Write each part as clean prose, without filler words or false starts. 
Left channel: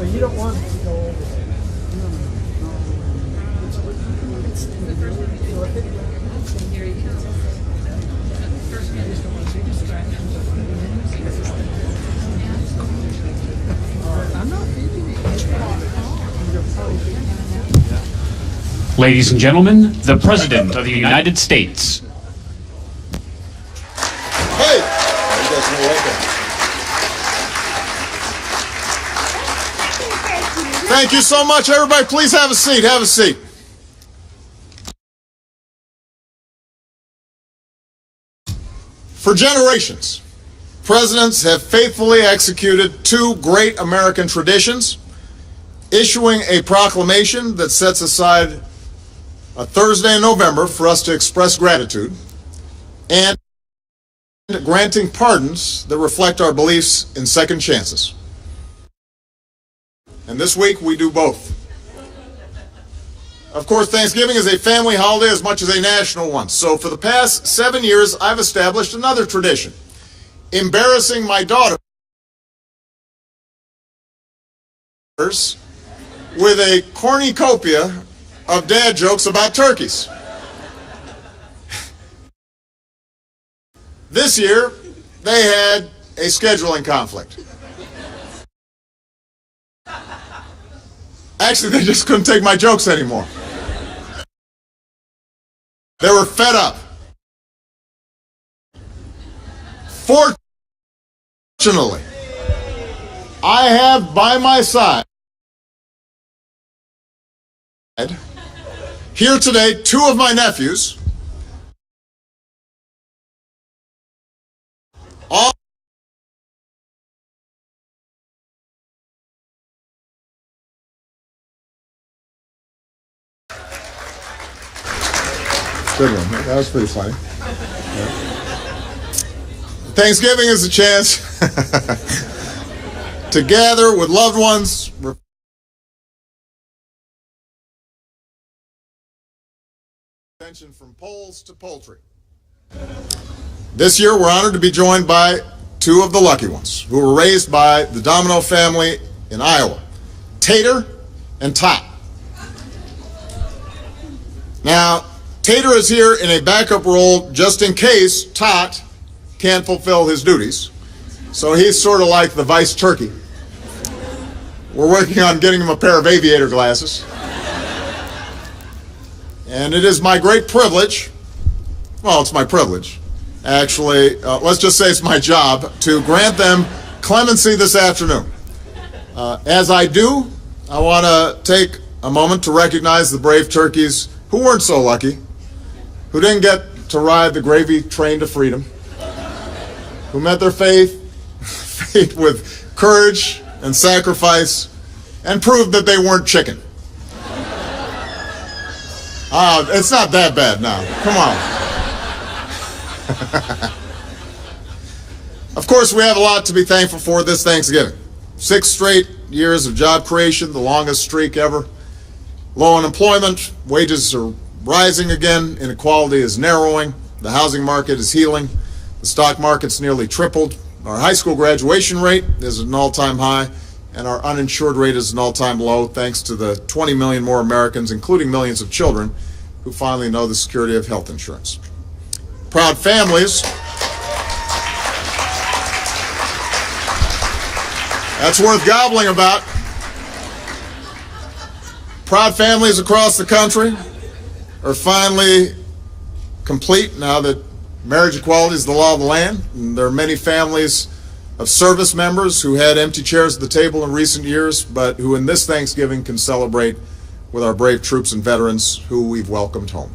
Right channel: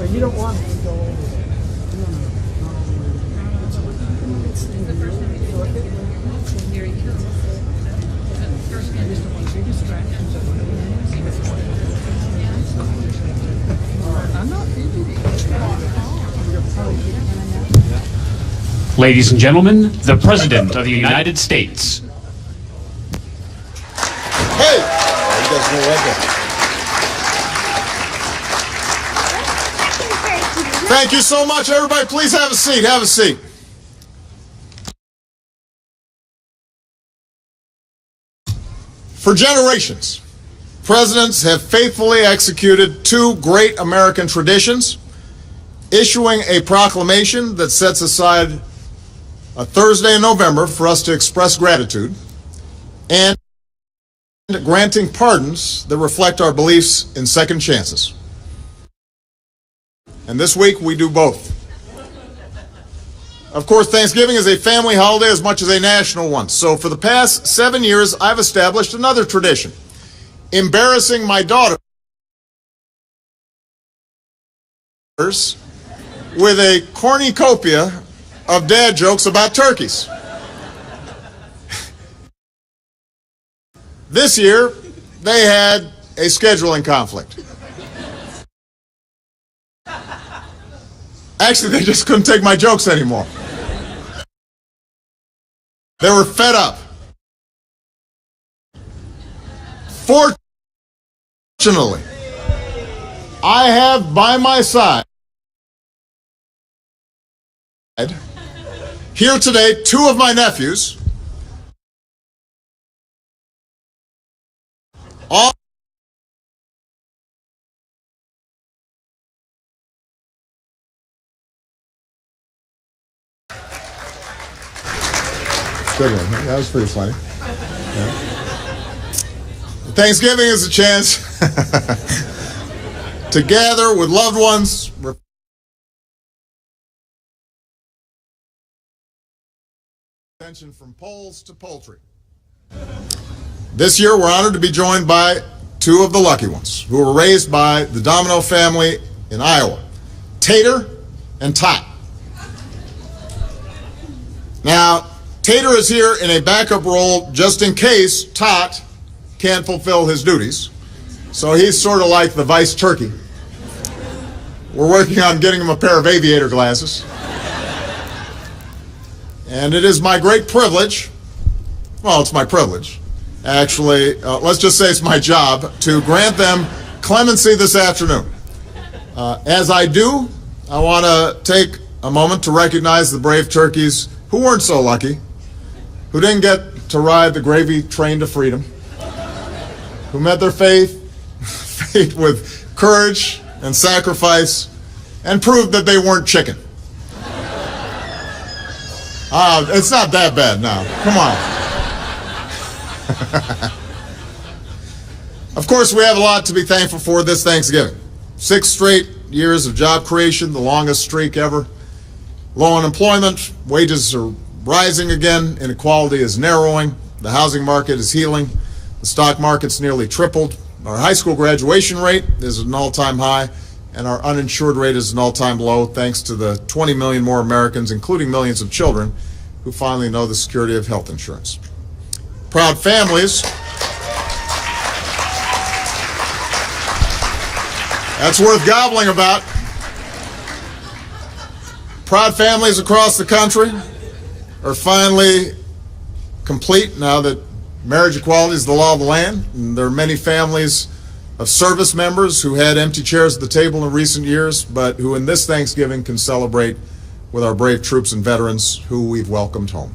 So you don't want it to go over. Here you go. Ladies and gentlemen, the President of the United States. Hey! You guys know that. Thank you so much, everybody. Please have a seat. Have a seat. For generations, presidents have faithfully executed two great American traditions: issuing a proclamation that sets aside a Thursday in November for us to express gratitude, and granting pardons that reflect our beliefs in second chances. And this week we do both. Of course, Thanksgiving is a family holiday as much as a national one. So for the past 7 years, I've established another tradition: embarrassing my daughters with a cornucopia of dad jokes about turkeys. This year, they had a scheduling conflict. Actually, they just couldn't take my jokes anymore. They were fed up. Fortunately, I have by my side here today two of my nephews, all good one. That was pretty funny. Yeah. Thanksgiving is a chance to gather with loved ones, attention from polls to poultry. This year, we're honored to be joined by two of the lucky ones who were raised by the Domino family in Iowa, Tater and Tot. Now, Tater is here in a backup role just in case Tot can't fulfill his duties. So he's sort of like the vice turkey. We're working on getting him a pair of aviator glasses. And it is my great privilege, well, it's my privilege, actually, let's just say it's my job, to grant them clemency this afternoon. As I do, I want to take a moment to recognize the brave turkeys who weren't so lucky, who didn't get to ride the gravy train to freedom, who met their fate with courage and sacrifice and proved that they weren't chicken. It's not that bad now. Come on. Of course, we have a lot to be thankful for this Thanksgiving. 6 straight years of job creation, the longest streak ever. Low unemployment, wages are rising again, inequality is narrowing, the housing market is healing, the stock market's nearly tripled, our high school graduation rate is at an all-time high, and our uninsured rate is an all-time low thanks to the 20 million more Americans, including millions of children, who finally know the security of health insurance. Proud families. That's worth gobbling about. Proud families across the country are finally complete now that marriage equality is the law of the land. And there are many families of service members who had empty chairs at the table in recent years, but who in this Thanksgiving can celebrate with our brave troops and veterans who we've welcomed home.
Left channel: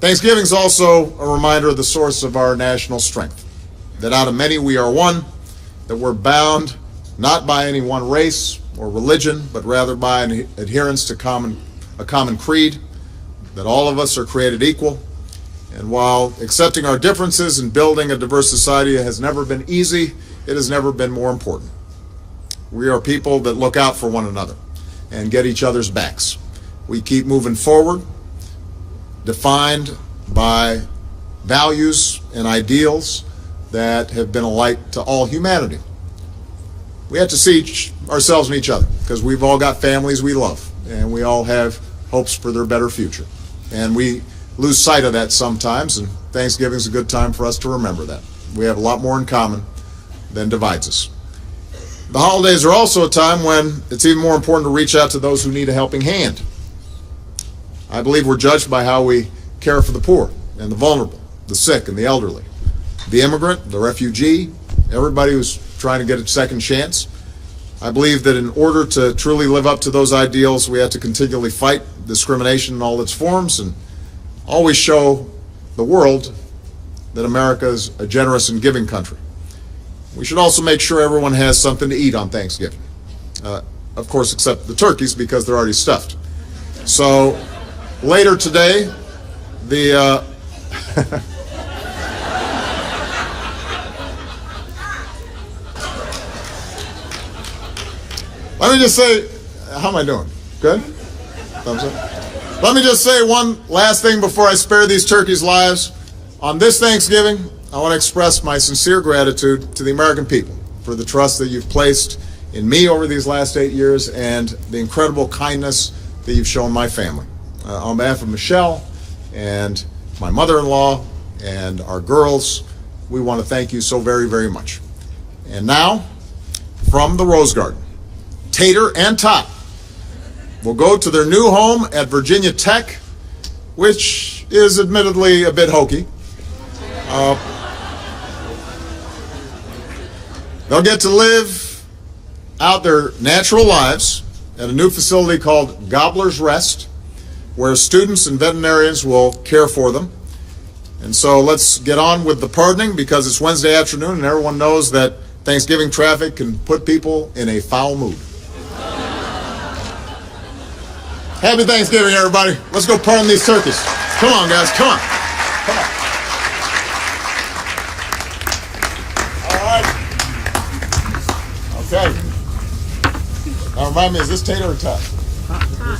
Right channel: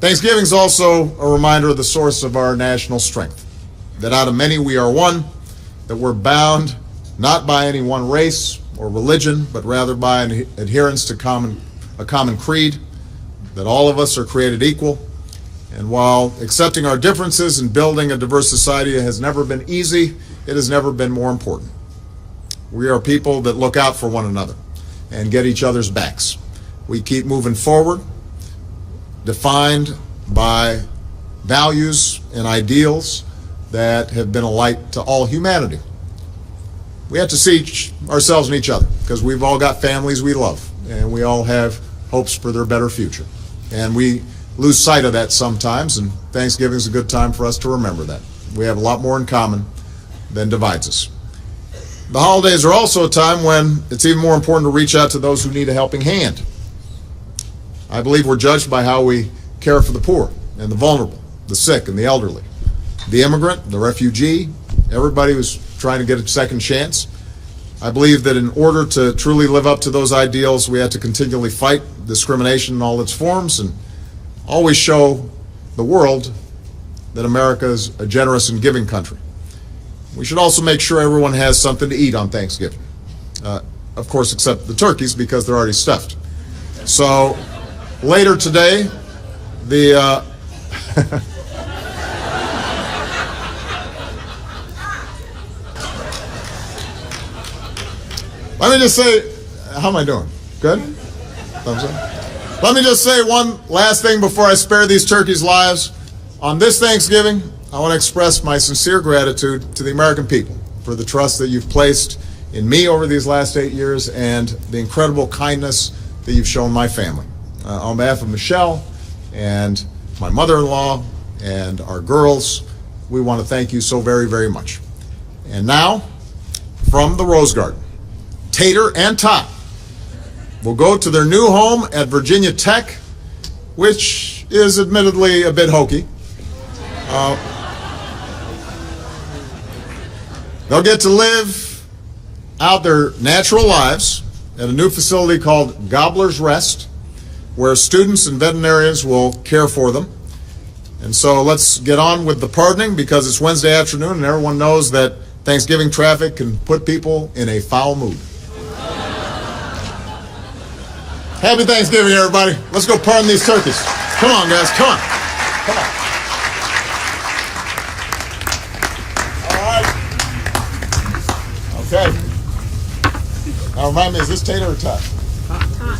Thanksgiving is also a reminder of the source of our national strength, that out of many we are one, that we're bound not by any one race or religion, but rather by an adherence to a common creed, that all of us are created equal. And while accepting our differences and building a diverse society has never been easy, it has never been more important. We are people that look out for one another and get each other's backs. We keep moving forward, defined by values and ideals that have been a light to all humanity. We have to see ourselves in each other because we've all got families we love and we all have hopes for their better future. And we lose sight of that sometimes, and Thanksgiving is a good time for us to remember that. We have a lot more in common than divides us. The holidays are also a time when it's even more important to reach out to those who need a helping hand. I believe we're judged by how we care for the poor and the vulnerable, the sick and the elderly, the immigrant, the refugee, everybody who's trying to get a second chance. I believe that in order to truly live up to those ideals, we have to continually fight discrimination in all its forms and always show the world that America is a generous and giving country. We should also make sure everyone has something to eat on Thanksgiving. Of course, except the turkeys because they're already stuffed. So later today, the let me just say, how am I doing? Good? Thumbs up? Let me just say one last thing before I spare these turkeys' lives. On this Thanksgiving, I want to express my sincere gratitude to the American people for the trust that you've placed in me over these last 8 years and the incredible kindness that you've shown my family. On behalf of Michelle and my mother-in-law and our girls, we want to thank you so very, very much. And now, from the Rose Garden, Tater and Tot will go to their new home at Virginia Tech, which is admittedly a bit hokey. They'll get to live out their natural lives at a new facility called Gobbler's Rest, where students and veterinarians will care for them. And so let's get on with the pardoning because it's Wednesday afternoon and everyone knows that Thanksgiving traffic can put people in a foul mood. Happy Thanksgiving, everybody. Let's go pardon these turkeys. Come on, guys. Come on. Come on. All right. Okay. Now remind me, is this Tater or Tot?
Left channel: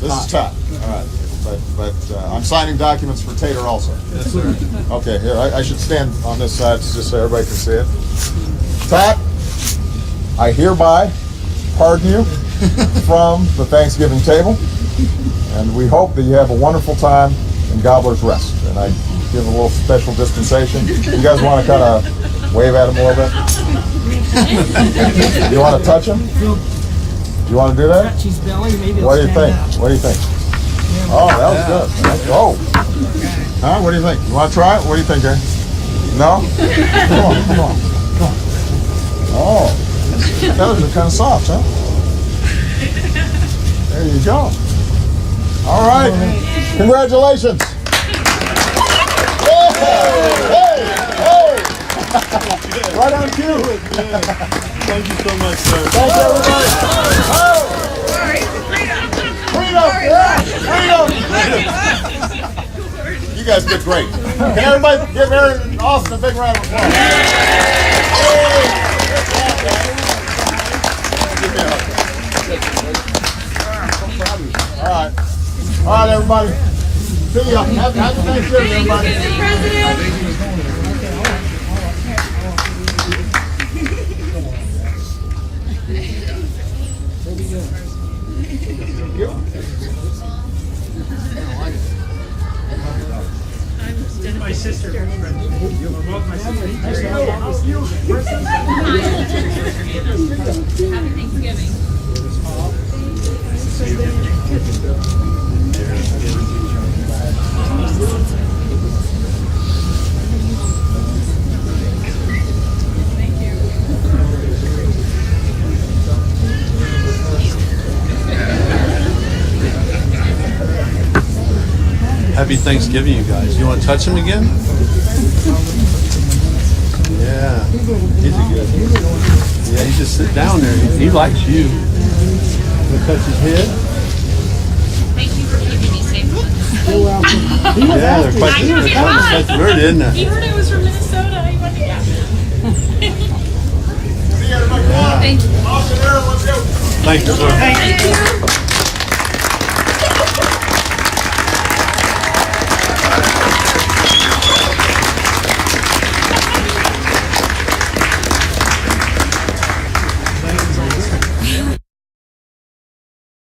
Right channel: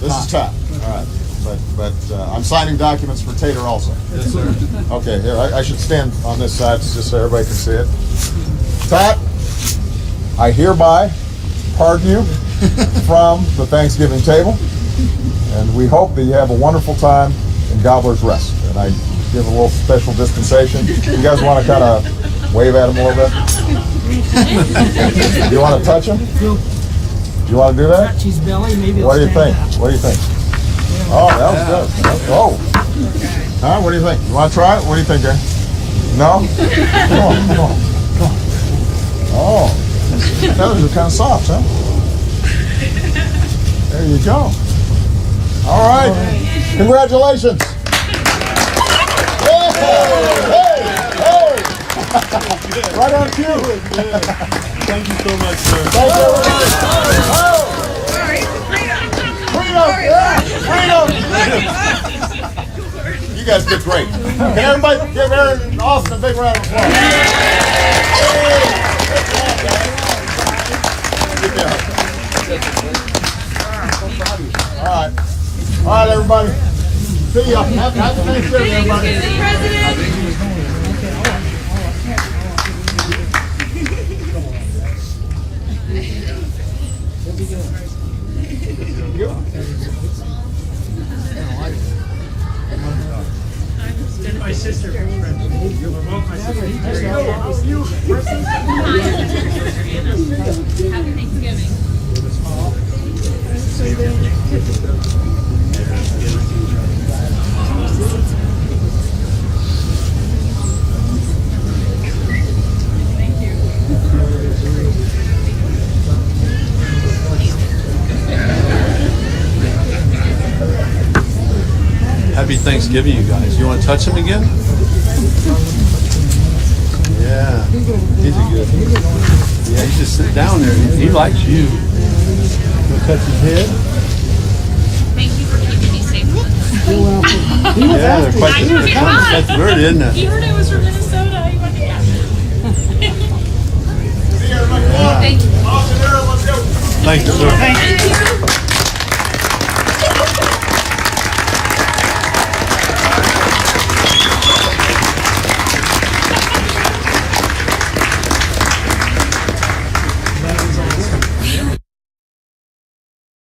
This is Tot. All right. But I'm signing documents for Tater also. Yes, sir. Okay, here, I should stand on this side just so everybody can see it. Tot, I hereby pardon you from the Thanksgiving table. And we hope that you have a wonderful time in Gobbler's Rest. And I give a little special dispensation. You guys want to kind of wave at him a little bit? Do you want to touch him? Do you want to do that? Touch his belly, maybe What do you think? stand up. What do you think? Oh, that was good. Oh. Huh? What do you think? You want to try it? What do you think, Aaron? No? Come on, come on, come on. Oh. Those are kind of soft, huh? There you go. All right. Congratulations. Hey, hey, hey. Right on cue. Thank you so much, sir. Thanks, everybody. Oh. Freedom. Yeah. Freedom. You guys did great. Can everybody give Aaron and Austin a big round of applause? All right. All right, everybody. See ya. Happy Thanksgiving, everybody. My sister. Both my sister. Happy Thanksgiving. Happy Thanksgiving, you guys. You want to touch him again? Yeah, he's a good. Yeah, you just sit down there. He likes you. You touch his head? Thank you for keeping me safe. Yeah, they're quite the bird, isn't it? He heard I was from Minnesota. He wanted to get See you, everybody. Thank you. Austin, Aaron, let's go. Thank you, sir. Thank you.